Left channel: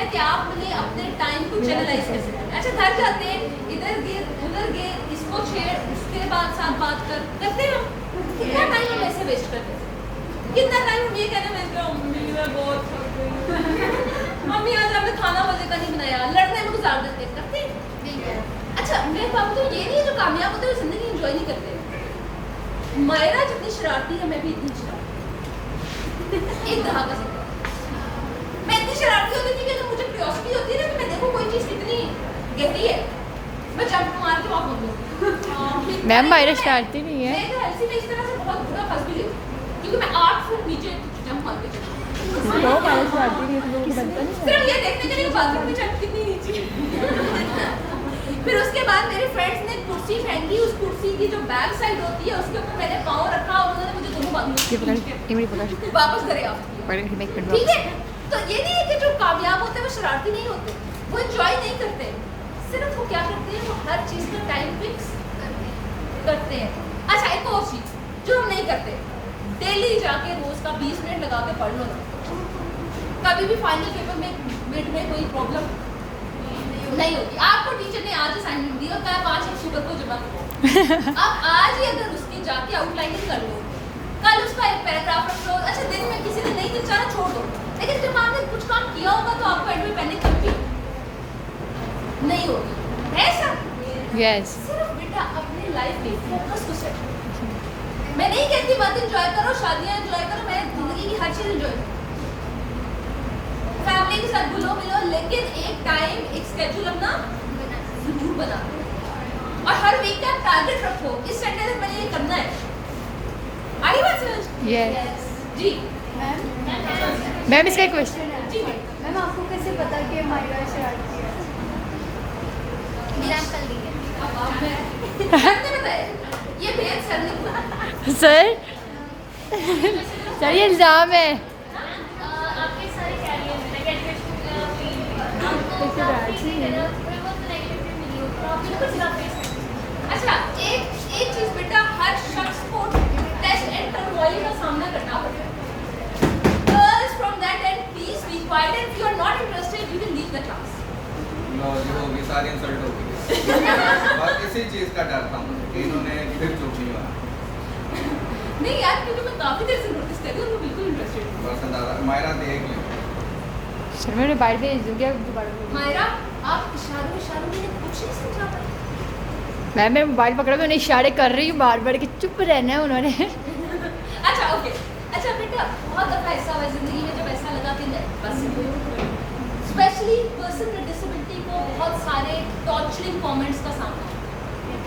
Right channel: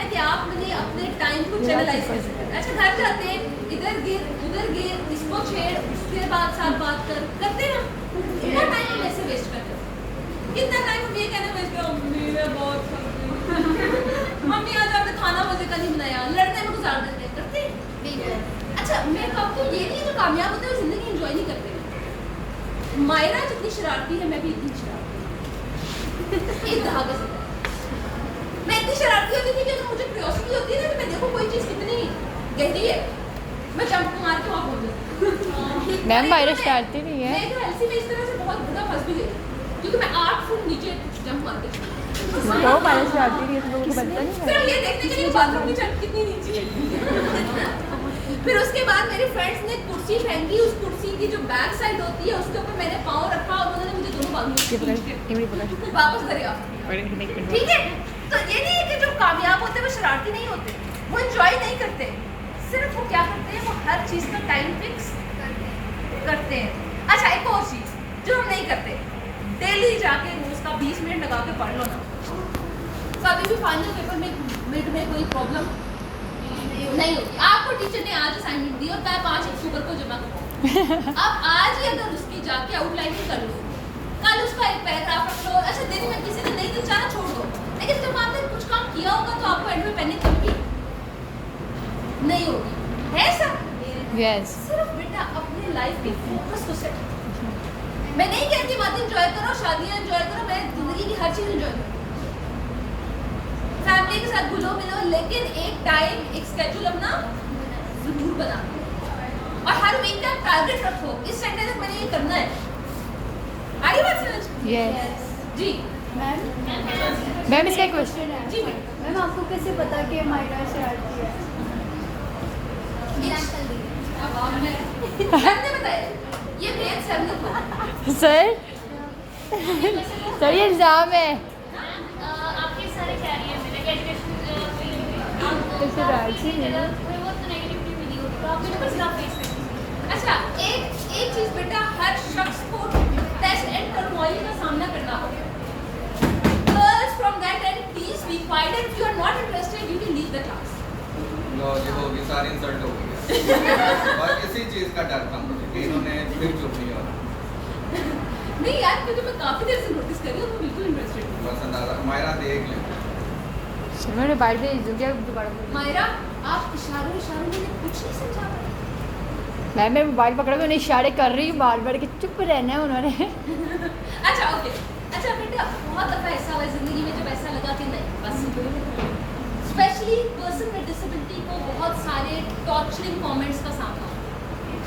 है कि आप मुझे अपने टाइम को चैनलाइज कैसे करें। अच्छा घर जाते हैं, इधर गिर उधर गिर, इसको छेड़, उसके बाद साथ बात करते हैं। कितना टाइम कैसे वेस्ट करते हो? कितना टाइम ये कहने वेस्ट करो मम्मी मैं बहुत थक गई मम्मी आज आपने खाना मजे का नहीं बनाया, लड़ने में गुजार देते करते नहीं। अच्छा मैं कहूँ तो ये नहीं जो कामयाब होता है जिंदगी एंजॉय नहीं करते। मायरा जितनी शरारती है मैं भी इतनी शरारती एक दहागा से मैं इतनी शरारती होती थी कि तो मुझे क्यूरियोसिटी होती है ना कि मैं देखो कोई चीज कितनी गहरी है, मैं जंप मार के वहां पहुंच मैम मायरा शरारती नहीं है। मैं तो एलसी में इस तरह से बहुत बुरा फंस भी गई क्योंकि मैं 8 फुट नीचे जंप मार गई। तो मायरा शरारती नहीं है, तुम लोगों को पता नहीं है। सिर्फ ये देखने के लिए बाथरूम की छत कितनी नीचे है। फिर उसके बाद मेरे फ्रेंड्स ने कुर्सी फेंकी, उस कुर्सी की जो बैक साइड होती है उसके ऊपर मैंने पाँव रखा और उन्होंने मुझे दोनों बांधे वापस करे आप ठीक है। तो ये नहीं है कि जो कामयाब होते हैं वो शरारती नहीं होते, वो एंजॉय नहीं करते, सिर्फ वो क्या करते हैं वो हर चीज़ का टाइम फिक्स करते हैं। अच्छा एक और चीज़ जो हम नहीं करते, डेली जाके रोज का 20 मिनट लगा के पढ़ लो ना। कभी भी फाइनल पेपर में मिड में कोई प्रॉब्लम नहीं होती। आपको टीचर ने आज असाइनमेंट दी और कहा 5 अक्टूबर को जमा करो। अब आज ही अगर उसकी जाके आउटलाइनिंग कर लो, कल उसका एक पैराग्राफ रख लो। अच्छा दिन में किसी ने नहीं दिखाना छोड़ दो, लेकिन जब आपने कुछ काम किया होगा तो आपको एंड में पैनिक होगी नहीं होगी, है सब यस। सिर्फ बेटा अपनी लाइफ देखो, फोकस को सेट। मैं नहीं कहती बात एंजॉय करो, शादियां एंजॉय करो, मैं जिंदगी की हर चीज एंजॉय करो, फैमिली के साथ घुलो मिलो, लेकिन एक टाइम एक स्केड्यूल अपना जरूर बना और हर वीक का टारगेट रखो, इस सैटरडे तक मैंने ये करना है। आगे बात समझ? यस जी मैम इसका एक क्वेश्चन है। जी मैम आपको कैसे पता कि मायरा शरारती है? एग्जांपल दिए अब आप मैं आपने बताया ये भेद सर ने सर सर ये एग्जाम है। आपके सारे कैरियर में लाइक एजुकेशन आपको शरारती नहीं है। थोड़ी बहुत नेगेटिविटी मिली हो तो आप बिल्कुल सिर्फ फेस करेंगे। अच्छा एक चीज बेटा हर शख्स को टेस्ट एंड टर्मोइल का सामना करना पड़ता है। Girls from that and please be quiet and if you are not interested you can leave the class. लो जी होगी सारी इंसल्ट हो गई बस इसी चीज का डर था मुझे कि इन्होंने फिर चुप नहीं होना। नहीं यार क्योंकि मैं काफी देर से नोटिस कर रही हूँ, मैं बिल्कुल इंटरेस्टेड हूँ। बस अंदाजा मायरा देख ले सर मैं बाहर भेज दूँगी, अब दोबारा बोलिए। मायरा आप इशारों में कुछ नहीं समझा पाई। मैं मोबाइल पकड़ा के उन्हें इशारे कर रही हूँ बार बार कि चुप रहना है उन्होंने। अच्छा ओके। अच्छा बेटा बहुत दफा ऐसा हुआ है जिंदगी में जब ऐसा लगा कि नहीं बस स्पेशली पर्सन विद डिसेबिलिटी को बहुत सारे टॉर्चरिंग कमेंट्स का सामना होता है।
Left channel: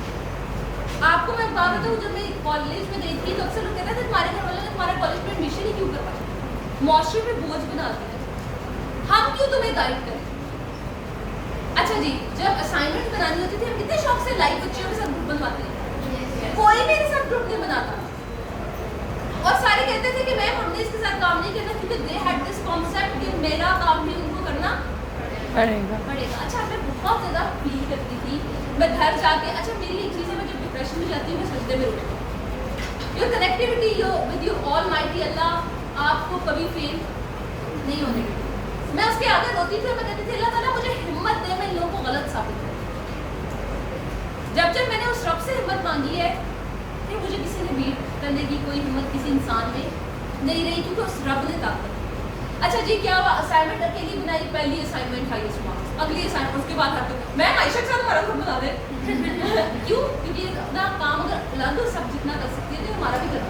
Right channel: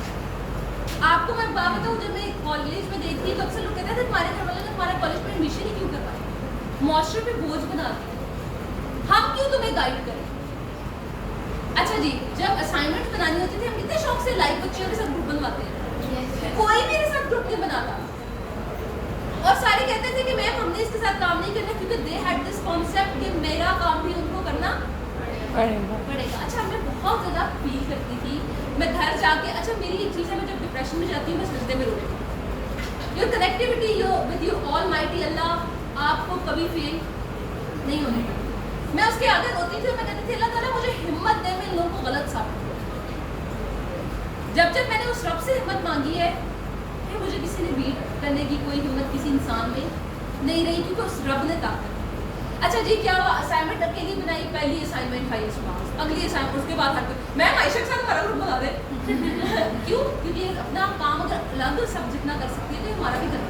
आपको मैं बात बताऊँ जब मैं कॉलेज में गई थी तो अक्सर लोग कहते थे तुम्हारे घर वाले ने तुम्हारा कॉलेज में एडमिशन ही क्यों करवा, मॉइस्चर पे बोझ बना दिया, हम क्यों तुम्हें गाइड करें। अच्छा जी जब असाइनमेंट बनानी होती थी हम कितने शौक से लाइव बच्चियों के साथ ग्रुप बनवाते हैं, कोई मेरे साथ ग्रुप नहीं बनाता और सारे कहते थे कि मैम हमने इसके साथ काम नहीं करना क्योंकि दे हैड दिस कॉन्सेप्ट कि मेरा काम भी उनको करना पड़ेगा। अच्छा मैं बहुत ज़्यादा फील करती थी, मैं घर जाके अच्छा मेरी एक चीज़ है मैं जब डिप्रेशन में जाती हूँ मैं सजदे में रोती हूँ। Your connectivity your with your almighty Allah आपको कभी फेल नहीं होने देगा। मैं उसके आगे रोती थी, मैं कहती थी अल्लाह ताला मुझे हिम्मत दे, मैं इन लोगों को गलत साबित करूं। जब मैंने उस रब से हिम्मत मांगी है कि मुझे किसी ने बीट करने की कोई हिम्मत किसी इंसान में नहीं रही क्योंकि उस रब ने ताकत। अच्छा जी क्या हुआ, असाइनमेंट अकेली बनाई, पहली असाइनमेंट हाईएस्ट मार्क्स, अगली असाइनमेंट उसके बाद हर मैं आयशा के साथ हमारा ग्रुप बना दे क्यों, क्योंकि अपना काम अगर अलग सब जितना कर सकती है तो हमारा भी करना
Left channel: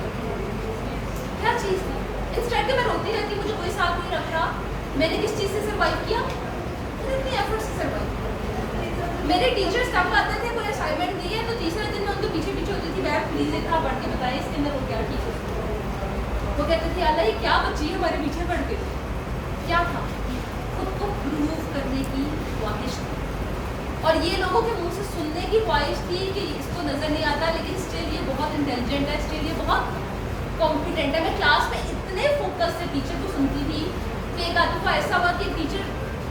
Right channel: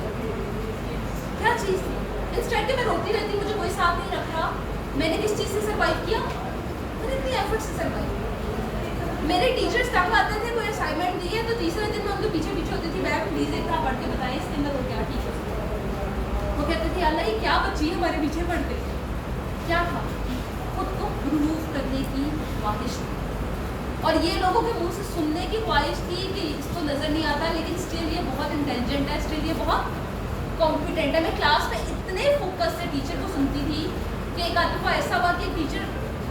क्या चीज़ थी। इंस्टेंट मैं रोती रहती, मुझे कोई साथ नहीं रख रहा, मैंने किस चीज़ से सर्वाइव किया, मैंने अपनी एफर्ट से सर्वाइव किया। मेरे टीचर्स तब आते थे कोई असाइनमेंट दी है तो तीसरे दिन मैं उनके पीछे होती थी, मैम प्लीज़ इतना पढ़ के बताएं इसके अंदर वो क्या ठीक है। वो कहते थे अल्लाह ये क्या बच्ची है हमारे पीछे पढ़ के, क्या था खुद को प्रूव करने की ख्वाहिश थी और ये लोगों के मुंह से सुनने की ख्वाहिश थी कि इसको नज़र नहीं आता लेकिन स्टिल ये बहुत इंटेलिजेंट है, स्टिल ये बहुत कॉम्पिटेंट है। मैं क्लास में इतने फोकस से टीचर को सुनती थी कि एक आध दफ़ा ऐसा हुआ कि टीचर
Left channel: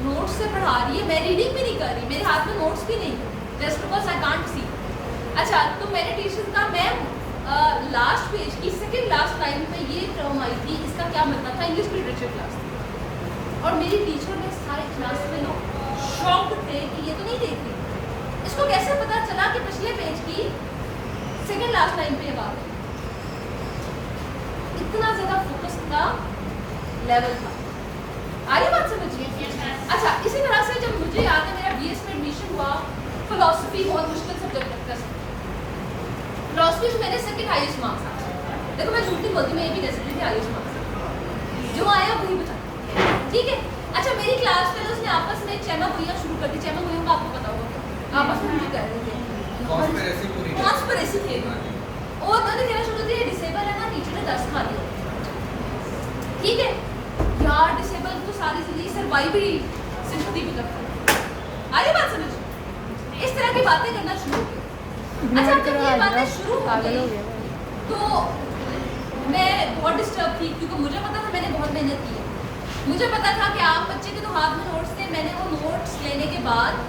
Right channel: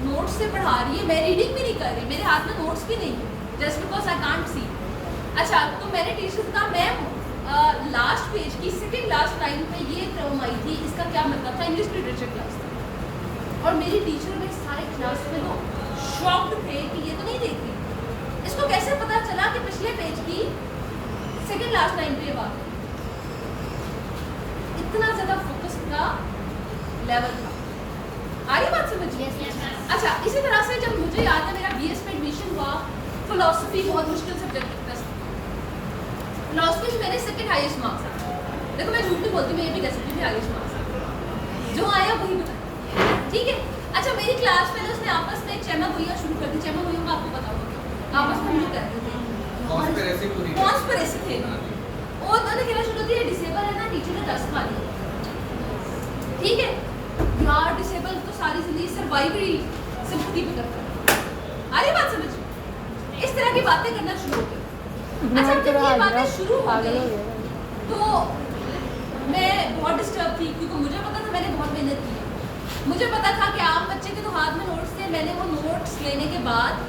नोट्स से पढ़ा रही है, मैं रीडिंग भी नहीं कर रही, मेरे हाथ में नोट्स भी नहीं, just because I can't see. अच्छा तो मैंने टीचर से कहा मैम लास्ट पेज की सेकेंड लास्ट लाइन पे ये टर्म आई थी, इसका क्या मतलब था, इंग्लिश लिटरेचर क्लास। और मेरी टीचर में सारे क्लास में लोग शॉक्ड थे कि ये तो नहीं देख रही, इसको कैसे पता चला कि पिछले पेज की सेकंड लास्ट लाइन पे ये बात है। इतना ज्यादा फोकस का लेवल था। आ रही बात समझिए? अच्छा, इसी तरह से जब मुझे याद है मेरा बीएस में एडमिशन हुआ, फिलोसफी बहुत मुश्किल सब्जेक्ट लगता है। फिलोसफी में मैंने सेकंड हाईएस्ट मार्क्स आए। देखो मैं झूठ नहीं बोलती, मैं ये भी कह सकती हूँ हाईएस्ट मार्क्स जो आया वही बता, ठीक है। अच्छा, मेरी क्लास फेलोज ने आपस में चैमा गोइया शुरू कर दी। चैमा गोइया का आपको पता होगा, आपस में मुझे कर रहे थे कॉन्स्पिरेसी पूरी कॉन्स्पिरेसी थ्योरी। और उन्होंने कहना शुरू कर दिया डिसेबल है ना, टीचर ने 10 खा दी। ठीक है यार, डिसेबल तो सारी जिंदगी सर्वाइवरी सिंपैथी पे करता है। अरे बात समझ, इस तरह की बातें करना शुरू हो गई। अच्छा, जब ये बातें शुरू हो पागल हो गई गया भाई। तो मैं बहुत डिस्टर्ब थी, क्योंकि मुझे पता था मैंने बहुत मेहनत की है। मुझे पता था कि आम बच्चे के तो हाथ में नोट्स थे। मैंने वो नोट्स लेने के बाद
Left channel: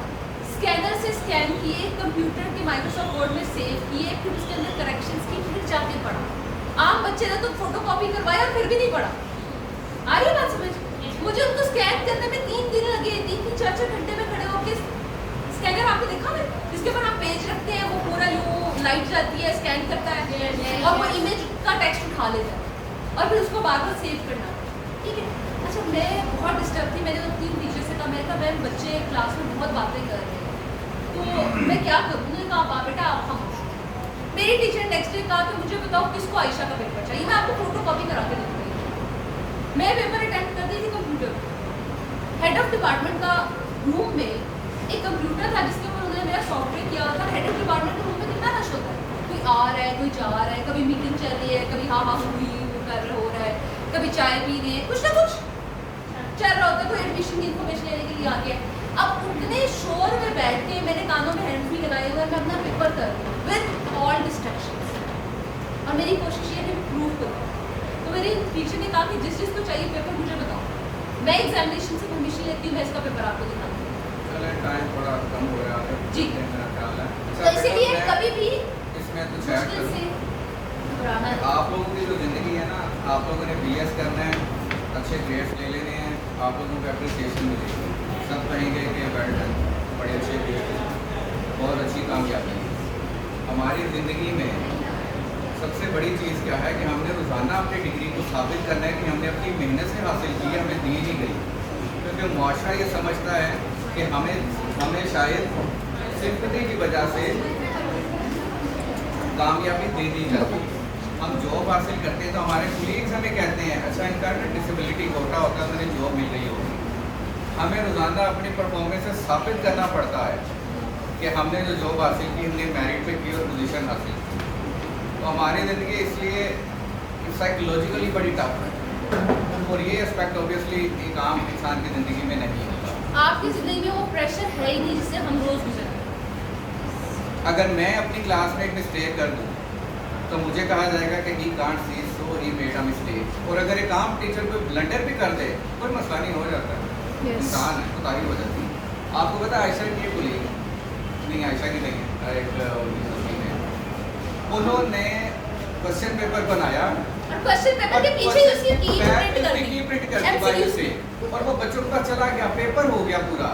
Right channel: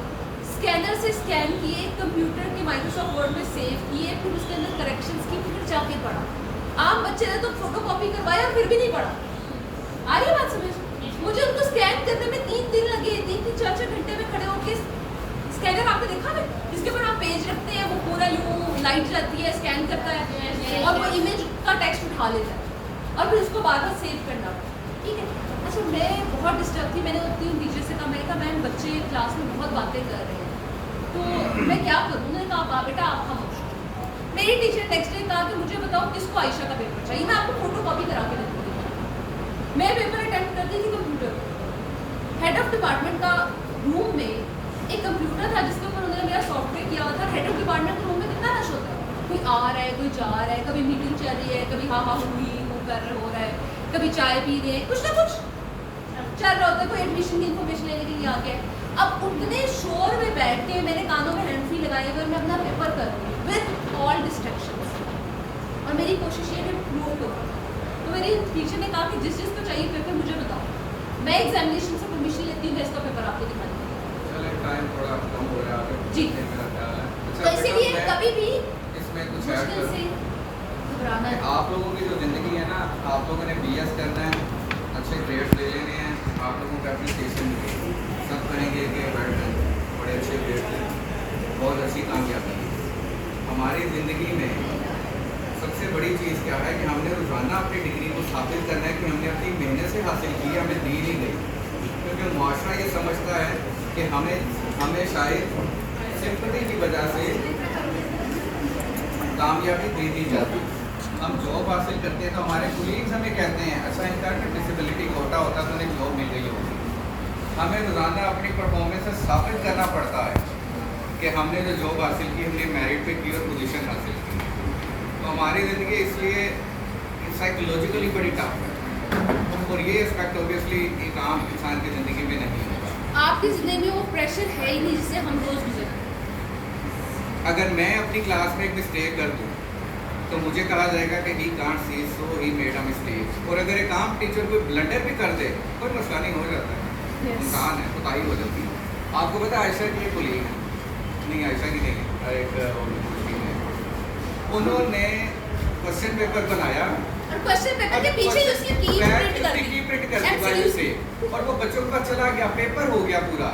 स्कैनर से स्कैन किए, कंप्यूटर के माइक्रोसॉफ्ट वर्ड में सेव किए, फिर उसके अंदर करेक्शंस की, फिर जाके पढ़ा। आम बच्चे ने तो फोटो कॉपी करवाया और फिर भी नहीं पढ़ा। आ रही बात समझ? मुझे उनको स्कैन करने में 3 दिन लगे, 3-4 घंटे में खड़े होकर। स्कैनर आपने देखा ना, जिसके ऊपर आप पेज रखते हैं, वो पूरा यूं लाइट जाती है, स्कैन करता है और वो इमेज का टेक्स्ट उठा लेता है और फिर उसको बाद में सेव करना पड़ता है, ठीक है। अच्छा, मैं बहुत डिस्टर्ब थी। मैंने उन 3 टीचर से कहा, मैंने कहा मैम बच्चे क्लास में बहुत बातें कर रहे हैं, तो मैं क्या करूँ? उन्होंने कहा आप बेटा आप खामोश। मेरी टीचर नेक्स्ट डे कहा कि मुझे बताओ किसको आयशा का पेपर चाहिए, मैं आपको फोटो कॉपी करा के दूँगी। मैं पेपर अटेम्प्ट कर दी थी कंप्यूटर। हेड ऑफ डिपार्टमेंट का रूम में एक कंप्यूटर था जिसके ऊपर उन्होंने मेरा सॉफ्टवेयर किया हुआ था। हेड ऑफ डिपार्टमेंट के रूम में कितना रश होता है, कोई आ रहा है, कोई जा रहा है, कभी मीटिंग चल रही है, कभी हाँ हुई वो कर रहे हो रहा है, कभी चाय पी रहे हैं, कुछ ना कुछ चल रहा होता है, कोई एडमिशन की इन्फॉर्मेशन लेने के लिए आ गया। अब उतने शोर में बैठ के मैंने कानों में हैंड फ्री लगाए हुए मैं अपना पेपर कर विद ऑल डिस्ट्रैक्शंस, और मेरी कोशिश ये है प्रूव करूँ। तो मेरी टीचर ने कहा कि जिस चीज़ को चाहिए पेपर मुझे बताओ, मैं एग्जामिनेशन से परमिशन लेती हूँ, मैं इसका पेपर आपको दिखाती हूँ। चले टाइम थोड़ा कम हो रहा है जी। मेरा ख्याल है। तो अच्छा, इसीलिए मैं कभी भी इसमें कुछ ऐड मुश्किल से करूँ घबराना कि नहीं। आप लोगों की जो ज़िंदगी है ना, आप लोगों ने BS करना है, अच्छे ग्रेड्स ले लेने हैं, आप लोगों को एप्रिसिएशन मिलेगी, सब कहेंगे कि वेल डन, बड़े अच्छे ग्रेड्स हैं, बहुत अच्छी कामयाबी है। हमारी ज़िंदगी में सबसे बड़ी चीज़ क्या है कि हमने रोज़ाना अपनी डिग्री को साबित करना है कि हमने अपनी मेहनत से हासिल की, हमें दी नहीं गई। क्योंकि मुआशरा ये समझता है कि हमें शायद सिंपैथी की वजह से कामयाबी दे दी जाती है। हम जॉब हासिल करते हैं तो हमारे कुलीग्स हमें कहते हैं अच्छा इनका डिसेबिलिटी कोटा होता तो उन्हें जॉब मिल गई होगी। हमें रोज़ाना अपनी परफॉर्मेंस से साबित करना पड़ता है कि हमने जो जॉब हासिल की, हमने मेरिट पे की और पोजीशन हासिल की। तो हमारी ज़िंदगी इसलिए साइकोलॉजिकली बड़ी टफ है, और ये एस्पेक्ट ऑब्वियसली एक आम इंसान की ज़िंदगी में नहीं होगा। आपकी जिंदगी में वो प्रेशर है ही नहीं जिससे हम रोज गुजरते हैं। अगर मैं अपनी क्लास में एक मिस्टेक कर दूँ तो मुझे कहा जाएगा कि he can't see so he made a mistake. और अगर एक आम टीचर कोई ब्लंडर भी कर दे कोई मसला नहीं, हो जाता है, इंसान है, कोताही हो जाती है। आपको पता है आयशा की कुलीग है, नहीं आयशा की नहीं है, एक उन्होंने क्वेश्चन पेपर बनाया और क्वेश्चन पेपर के पीछे उसकी की प्रिंट कर दी बाजू से, और वो बच्चों का चला गया, पेपर हो गया पूरा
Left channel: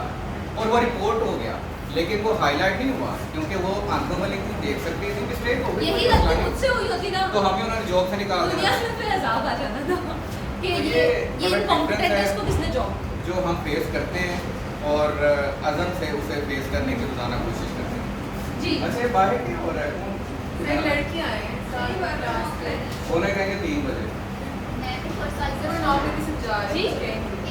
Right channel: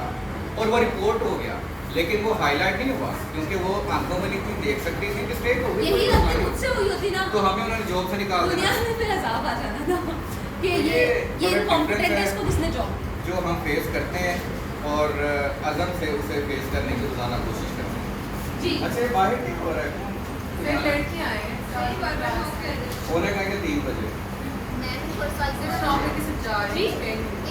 और वो रिपोर्ट हो गया, लेकिन वो हाईलाइट नहीं हुआ क्योंकि वो आंखों में लिखी देख सकती थी, मिस्टेक हो गई। यही गलती मुझसे हुई होती ना तो हमें उन्होंने जॉब से निकाल दुनिया दिया। में फिर अजाब आ जाना था कि तो ये बड़ा कॉम्पिटेंट difference है, है। इसको किसने जॉब। जो हम फेस करते हैं और अज़म से उसे फेस करने की रोजाना कोशिश करते हैं। जी अच्छा, ये बाहर क्या हो रहा है? लड़कियाँ आए हैं सारी बार होने कहेंगे 3 बजे। मैं भी और साल से जी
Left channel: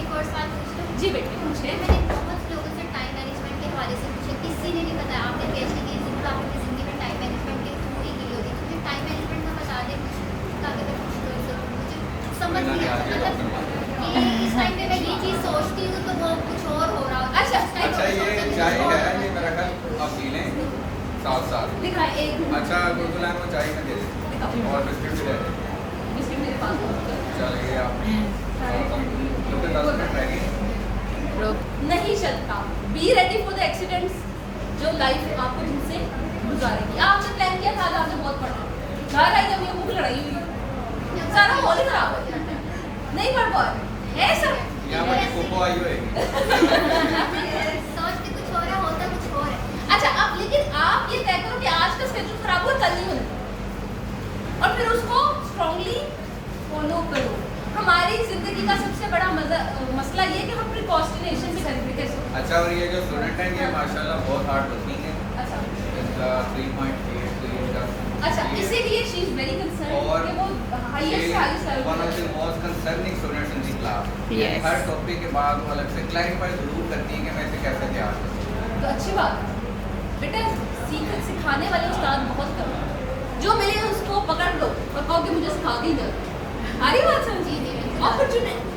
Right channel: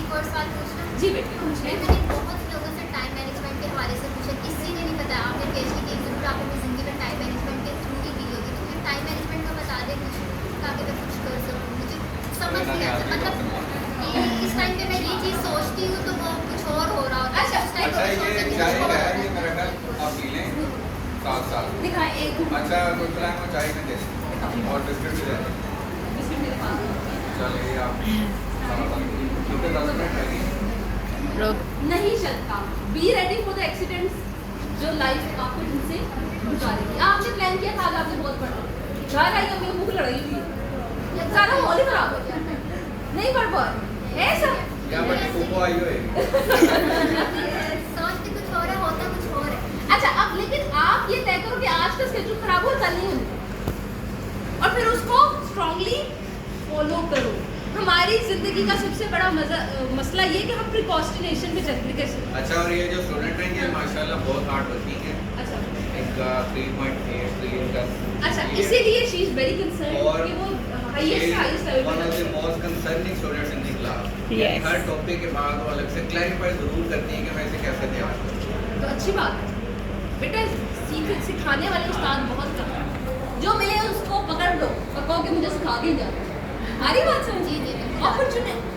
एक और साल पूछ रहा हूँ। जी बेटे पूछे। मैंने बहुत लोगों से टाइम मैनेजमेंट के हवाले से पूछा, किसी ने नहीं बताया। आपने PhD की जरूर आपने अपनी ज़िंदगी में टाइम मैनेजमेंट के थ्रू ही की होगी, तो मुझे टाइम मैनेजमेंट का बता दें कुछ, ताकि मैं कुछ कर सकूँ। मुझे समझ नहीं आता, मतलब इस टाइम पे मैं ये चीज़ सोचती हूँ तो वो कुछ और हो रहा होता है। उस time अच्छा, पे ये सोचती हूँ चाय कुछ और है, होता ये मेरा ख्याल आप पी लें साथ। लिखा है एक अच्छा, तो बुलाएं वो चाय में दे दें और बिस्किट भी दे दें। बिस्किट मेरे पास है। चलिए आप क्योंकि 10 मिनट रहेगी। नहीं चलता। Be ready for the accidents जो लाइफ आपको जिनसे गुजारेगी। आपने प्लान किया था, आपने बहुत पढ़ा, घर आई कभी भूख लड़ाई हुई, सारा माहौल ही खराब हो गया, नहीं पढ़ पाए ऐसा। यहाँ पर कोको लड़ाई होएगी। सोचते कुछ हो रहा होता कुछ और है। अच्छा, अब लेकिन आप ये तय करो कि आज का स्केड्यूल खराब हो, कल नहीं होना, और फिर उसको स्ट्रांगली फॉलो करो। हमारी जिंदगी का सबसे बड़ा मसला ये कि हम प्रिकॉस्टिनेशन भी करते हैं। अच्छा, और ये जो स्टूडेंट हैं ये माशाल्लाह बहुत हार्ड वर्किंग है। अच्छा, इनका 3.8 का अच्छा, इसीलिए शी इज वेरी कंसर्न और कि वो highest level one of the pay. Most concerning students in the class. Yes. Her topic के बाद वो अलग से क्लैरिफाई जरूर करती है कि मैं इसे कैसे तैयार करूँ। तो अच्छी बात है बेटा, सिखाने वाले उस्ताद बहुत कम हैं। जो मिले उसको पकड़ लो और कहो कि मुझे सिखा दी जाए। आ रही बात समझ? जी, जी, बिल्कुल। अपॉर्चुनिटी